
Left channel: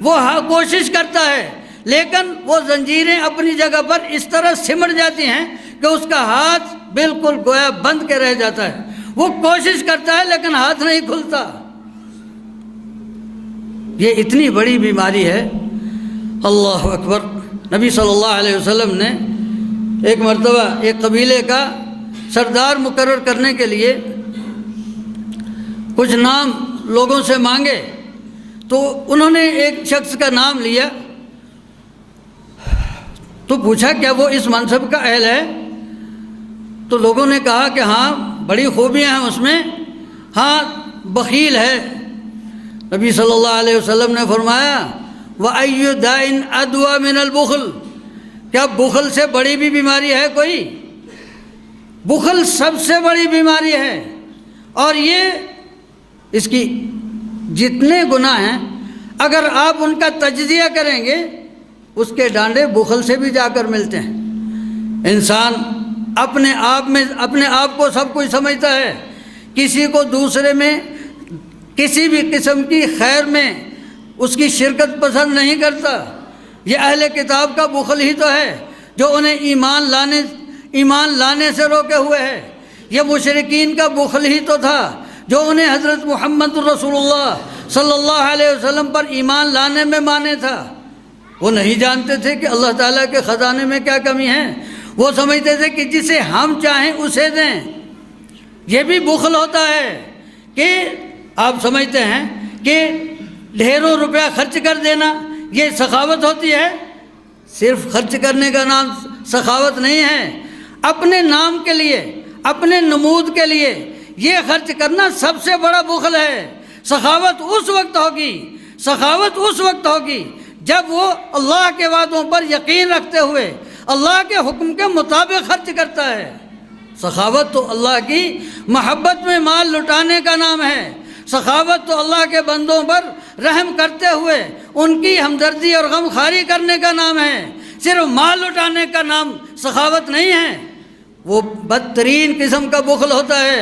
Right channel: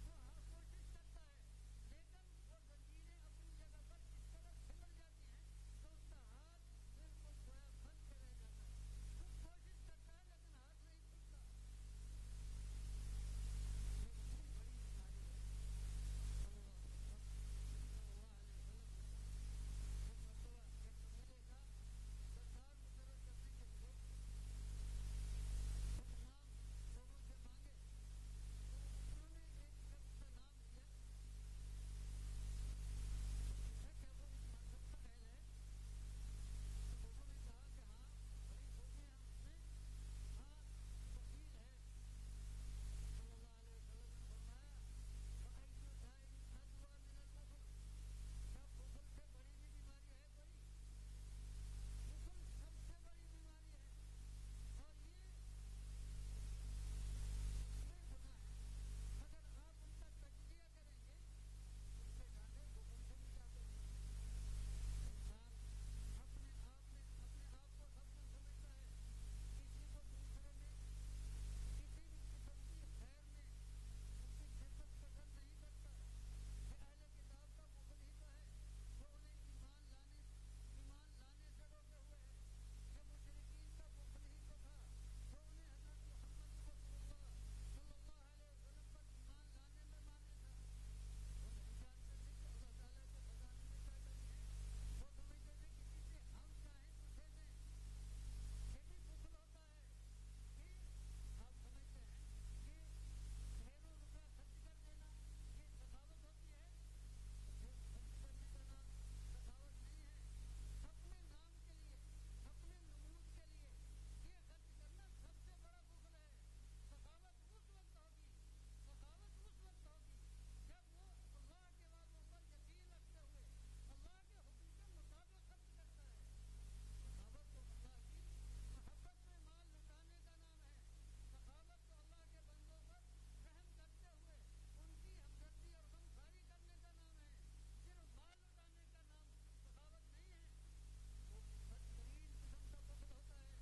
وہ کوشش کرتا ہے، لیکن وہ زنجیریں اپنی جگہ پر اس طرح سمٹ جاتی ہیں کہ اس کا ہاتھ بالکل گویا بند کے رہ جاتا ہے، وہ کوشش کرتا ہے لیکن ہاتھ نہیں کھلتا۔ یہ اتنی بڑی بیماری ہے، اللہ اکبر۔ نبی صلی اللہ علیہ وسلم نے ایک مرتبہ ایک قبیلے کا سردار مقرر کرنے کے لیے کچھ نام لوگوں سے مانگے، تو انہوں نے ایک شخص کا نام لیا، تو پوچھا کیا وہ اس منصب کا اہل ہے؟ تو لوگوں نے کہا کہ ہاں بڑی خوبیاں ہیں اس میں، ہاں بخیل ہے۔ نبی صلی اللہ علیہ وسلم نے فرمایا وَأَيُّ دَاءٍ أَدْوَىٰ مِنَ الْبُخْلِ، کیا بخل سے بڑی بھی بیماری ہے کوئی؟ بخل سب سے بڑی بیماری ہے، اور یہ اس کی جتنے گناہ ہیں اگر آپ ان کا تجزیہ کریں گے اس کے ڈانڈے بخل سے بھی جا کر ملتے ہیں۔ انسان اپنے آپ کو سب کچھ سمجھتا ہے، کسی کو دوسرے میں کسی بھی قسم کی خیر میں اس کی شرکت پسند نہیں کرتا۔ یہ اہل کتاب کا بخل ہی تو ہے جو انہیں ایمان لانے سے روکے ہوئے ہے۔ یہ مشرکین کا بخل ہی تو تھا جو انہیں حضرت محمد رسول اللہ صلی اللہ علیہ وسلم پر ایمان لانے میں مانے تھا۔ وہ نہیں جانتے تھے کہ اللہ تعالیٰ کے خزانے میں کیا کمی ہے، وہ سمجھتے تھے کہ جسے ہم چاہیں اسے دیں۔ یہ بھی بخل ہوتا ہے کہ آپ سمجھتے ہیں کہ ڈھیروں روپیہ خرچ کر دینا یہ سخاوت ہوتی ہے، صرف خرچ کرنے کا نام سخاوت نہیں ہے، اپنے نام کے لیے، اپنے نمود کے لیے یہ خرچ کرنا سب سے بڑا بخل ہے۔ سخاوت اس وقت ہوگی جب وہ اللہ کے وعدوں پر یقین رکھتے ہوئے اللہ کے حکم کے مطابق خرچ کرتا ہے۔ سخاوت تو اللہ کی محبت میں مال لٹانے کا نام ہے، سخاوت تو اللہ کے بندوں پر رحم کرتے ہوئے ان کی ہمدردی اور غم خواری کرنے کا نام ہے، صرف مال لٹانے کا نام سخاوت نہیں ہے۔ وہ بدترین قسم کا بخل ہوتا ہے،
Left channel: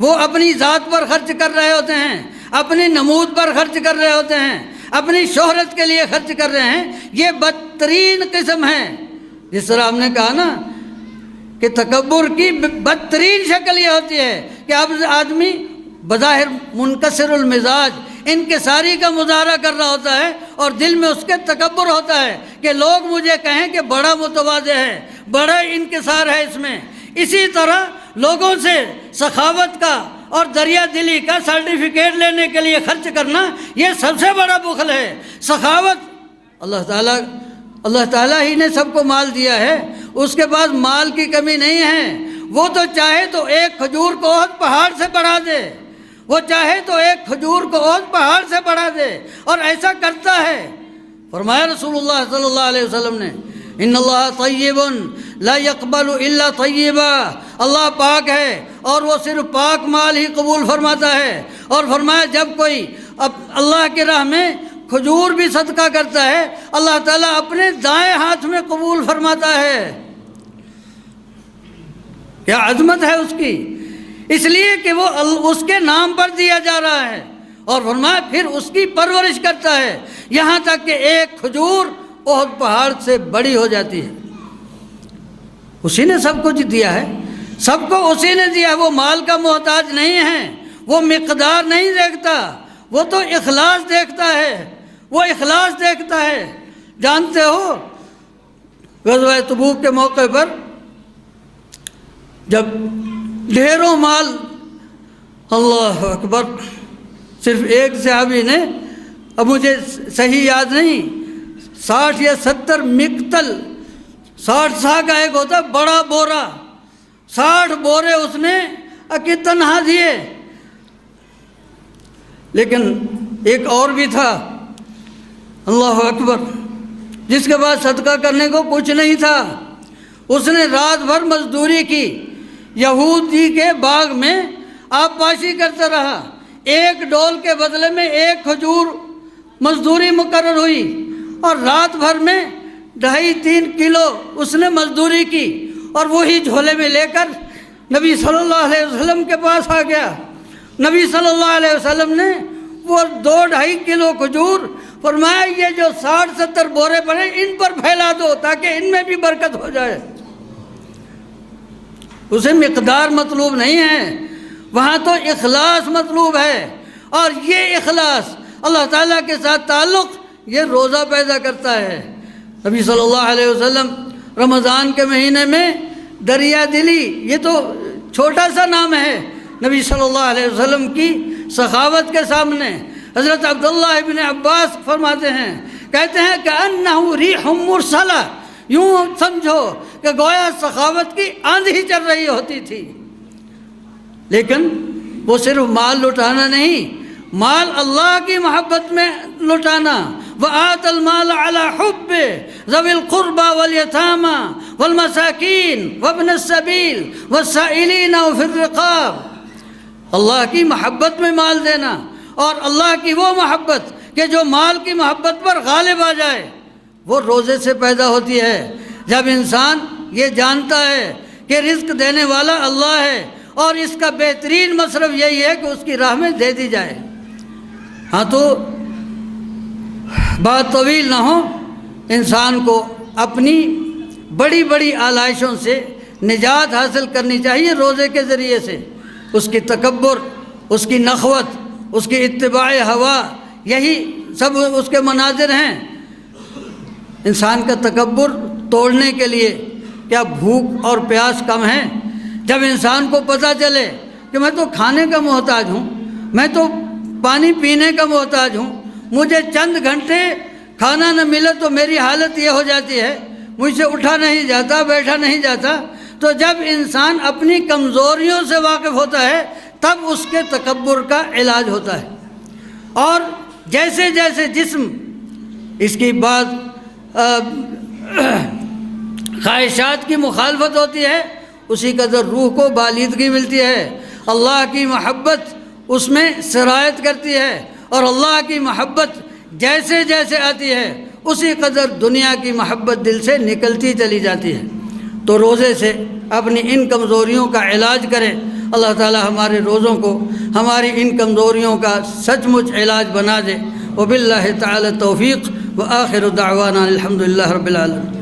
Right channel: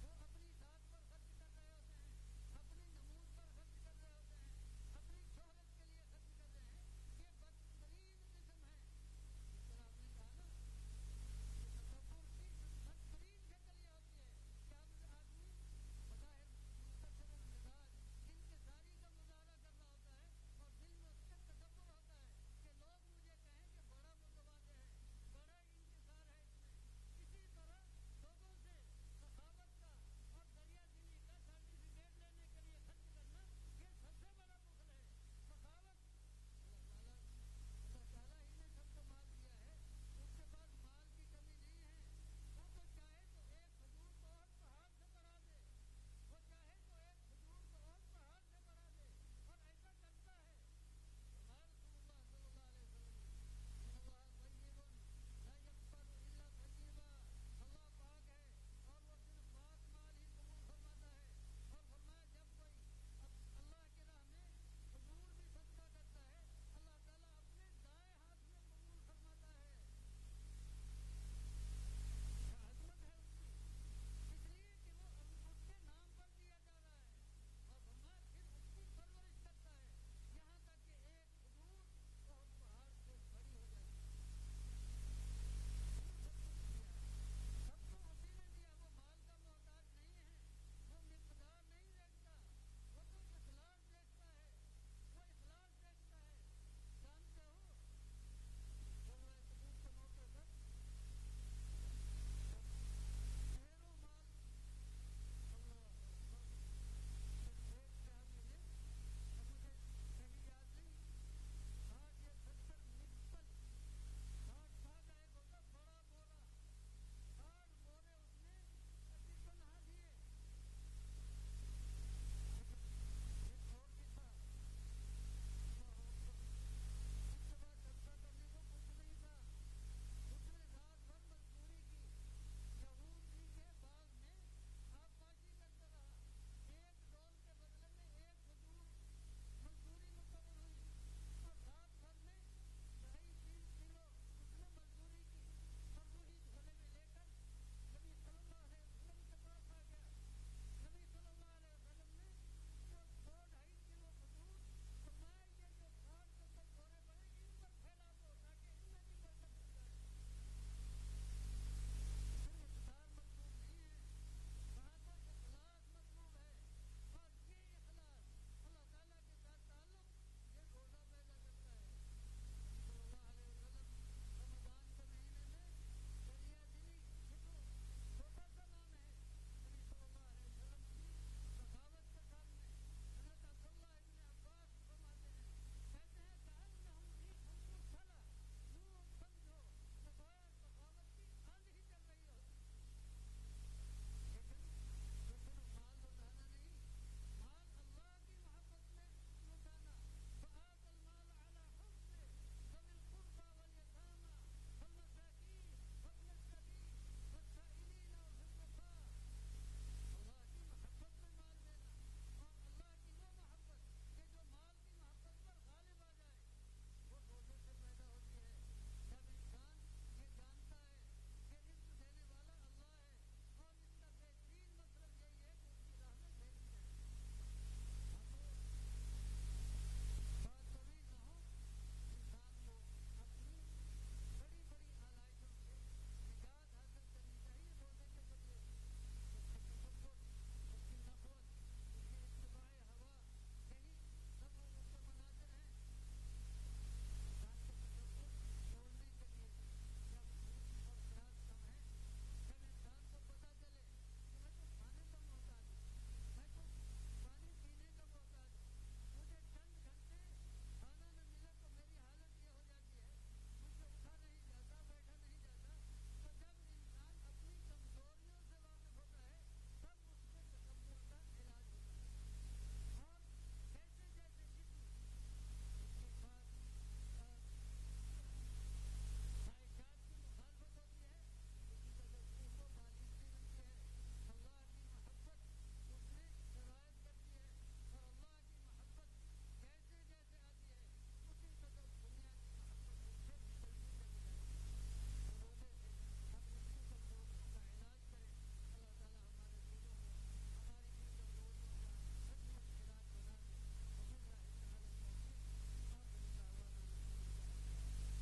وہ اپنی ذات پر خرچ کر رہے ہوتے ہیں، اپنی نمود پر خرچ کر رہے ہوتے ہیں، اپنی شہرت کے لیے خرچ کر رہے ہیں۔ یہ بدترین قسم ہے۔ جس طرح ہم نے کہا نا کہ تکبر کی بدترین شکل یہ ہوتی ہے کہ اب آدمی بظاہر منکسر المزاج انکساری کا مظاہرہ کر رہا ہوتا ہے اور دل میں اس کے تکبر ہوتا ہے کہ لوگ مجھے کہیں کہ بڑا متواضع ہے، بڑا انکسار ہے اس میں۔ اسی طرح لوگوں سے سخاوت کا اور دریا دلی کا سرٹیفکیٹ لینے کے لیے خرچ کرنا یہ سب سے بڑا بخل ہے۔ سخاوت اللہ تعالیٰ ہی نے سب کو مال دیا ہے، اس کے پاس مال کی کمی نہیں ہے۔ وہ تو چاہے تو ایک کھجور کو احد پہاڑ سے بڑھا دے، وہ چاہے تو ایک کھجور کو احد پہاڑ سے بڑھا دے، اور ایسا کرتا ہے۔ فرمایا رسول اللہ صلی اللہ علیہ وسلم نے ان اللہ طیب لا يقبل الا طیبا، اللہ پاک ہے اور وہ صرف پاک مال ہی قبول فرماتا ہے۔ اور فرمایا جب کوئی اللہ کی راہ میں کھجور بھی صدقہ کرتا ہے اللہ تعالیٰ اپنے دائیں ہاتھ میں قبول فرماتا ہے۔ کیا عظمت ہے اس کی، اس لیے کہ وہ اس کے نام پر دیا جا رہا ہے۔ اور فرمایا پھر اس کی پرورش کرتا ہے یہاں تک کہ ایک کھجور احد پہاڑ سے بڑی ہو جاتی ہے۔ اسی نے سب کچھ دیا ہے، سب کو اسی نے دیا ہے، وہ مال کا محتاج نہیں ہے، وہ مقدار نہیں دیکھتا، وہ تو اخلاص دیکھتا ہے، وہ اخلاص دیکھتا ہے۔ جانتے ہو غزوہ تبوک کے موقع پر جب ڈھیروں مال، اللہ اکبر، صرف ایک صحابی نے، اب مجھے صحیح یاد نہیں، 60 یا 70 مقتل، 60 سا کا ایک ہوتا ہے بڑا بورا، 60 بورے اس نے تنہا دیے۔ لیکن ایک اور بھی تھا، اللہ اکبر، جس کے بعد صدقہ کرنے کو کچھ نہیں تھا، اس نے رات بھر مزدوری کی، یہودی کے باغ میں آبپاشی کرتا رہا، ایک ڈول کے بدلے میں ایک کھجور مزدوری مقرر ہوئی، اور رات بھر میں 2.5-3 کلو اس نے مزدوری کی، اور وہی جھولے میں لے کر نبی صلی اللہ علیہ وسلم کے پاس آ گیا۔ نبی صلی اللہ علیہ وسلم نے وہ 2-2.5 کلو کھجور فرمایا یہ جو 60-70 بورے پڑے ان پر پھیلا دو تاکہ ان میں بھی برکت ہو جائے۔ اسے مقدار مطلوب نہیں ہے، وہاں تو اخلاص مطلوب ہے، اور یہ اخلاص اللہ تعالیٰ کے ساتھ تعلق یہ روزہ پیدا کرتا ہے۔ نبی صلی اللہ علیہ وسلم رمضان کے مہینے میں دریا دلی، یہ تو چھوٹا سا نام ہے نبی صلی اللہ علیہ وسلم کی سخاوت کے سامنے۔ حضرت عبداللہ ابن عباس فرماتے ہیں، کہتے ہیں کہ انہو ریح مرسلہ، یوں سمجھو کہ گویا سخاوت کی آندھی چل رہی ہوتی تھی۔ لیکن وہ صرف مال لٹانا نہیں، مال اللہ کی محبت میں لٹانا۔ وَآتَ الْمَالَ عَلَى حُبِّهِ ذَوِي الْقُرْبَى وَالْيَتَامَى وَالْمَسَاكِينِ وَابْنِ السَّبِيلِ وَالسَّائِلِينَ وَفِي الرِّقَابِ، اللہ کی محبت میں مال دینا، اور اللہ کی وہ محبت کہ جو مال کی محبت پر غالب آ جائے وہ روزے سے پیدا ہوتی ہے۔ جب انسان یہ جانتا ہے کہ رزق دینے والا اللہ ہے اور اس کا بہترین مصرف یہی ہے کہ اس کی راہ میں دے دی جائے۔ ہاں تو بات طویل نہ ہو، انسان کو اپنی بڑی بڑی آلائشوں سے نجات حاصل کرنی چاہیے روزے کے ذریعے سے۔ اس کی تکبر، اس کی نخوت، اس کی اتباع ہوا، یہی سب اس کے مناظر ہیں۔ انسان کا تکبر توڑنے کے لیے کیا بھوک اور پیاس کم ہے؟ جب انسان کو پتہ چلے کہ میں تو کھانے کا محتاج ہوں، میں تو پانی پینے کا محتاج ہوں، مجھے چند گھنٹے کھانا نہ ملے تو میری حالت یہ ہو جاتی ہے، مجھ سے اٹھا نہیں جاتا، بیٹھا نہیں جاتا، تو جب انسان اپنی کمزوریوں سے واقف ہوتا ہے تب اس کے تکبر کا علاج ہوتا ہے۔ اور جیسے جیسے جسم اس کی بات خواہشات کی مخالفت ہوتی ہے، اسی قدر روح کو بالیدگی ملتی ہے، اللہ کی محبت اس میں سرایت کرتی ہے، اور اللہ کی محبت جیسے جیسے آتی ہے اسی قدر دنیا کی محبت دل سے نکلتی چلی جاتی ہے۔ تو روزے سے اپنی ان کمزوریوں کا علاج کریں۔ اللہ تعالی ہمارے روزوں کو ہماری ان کمزوریوں کا سچ مچ علاج بنا دے۔ وباللہ تعالی توفیق، وآخر دعوانا الحمدللہ رب العالمین۔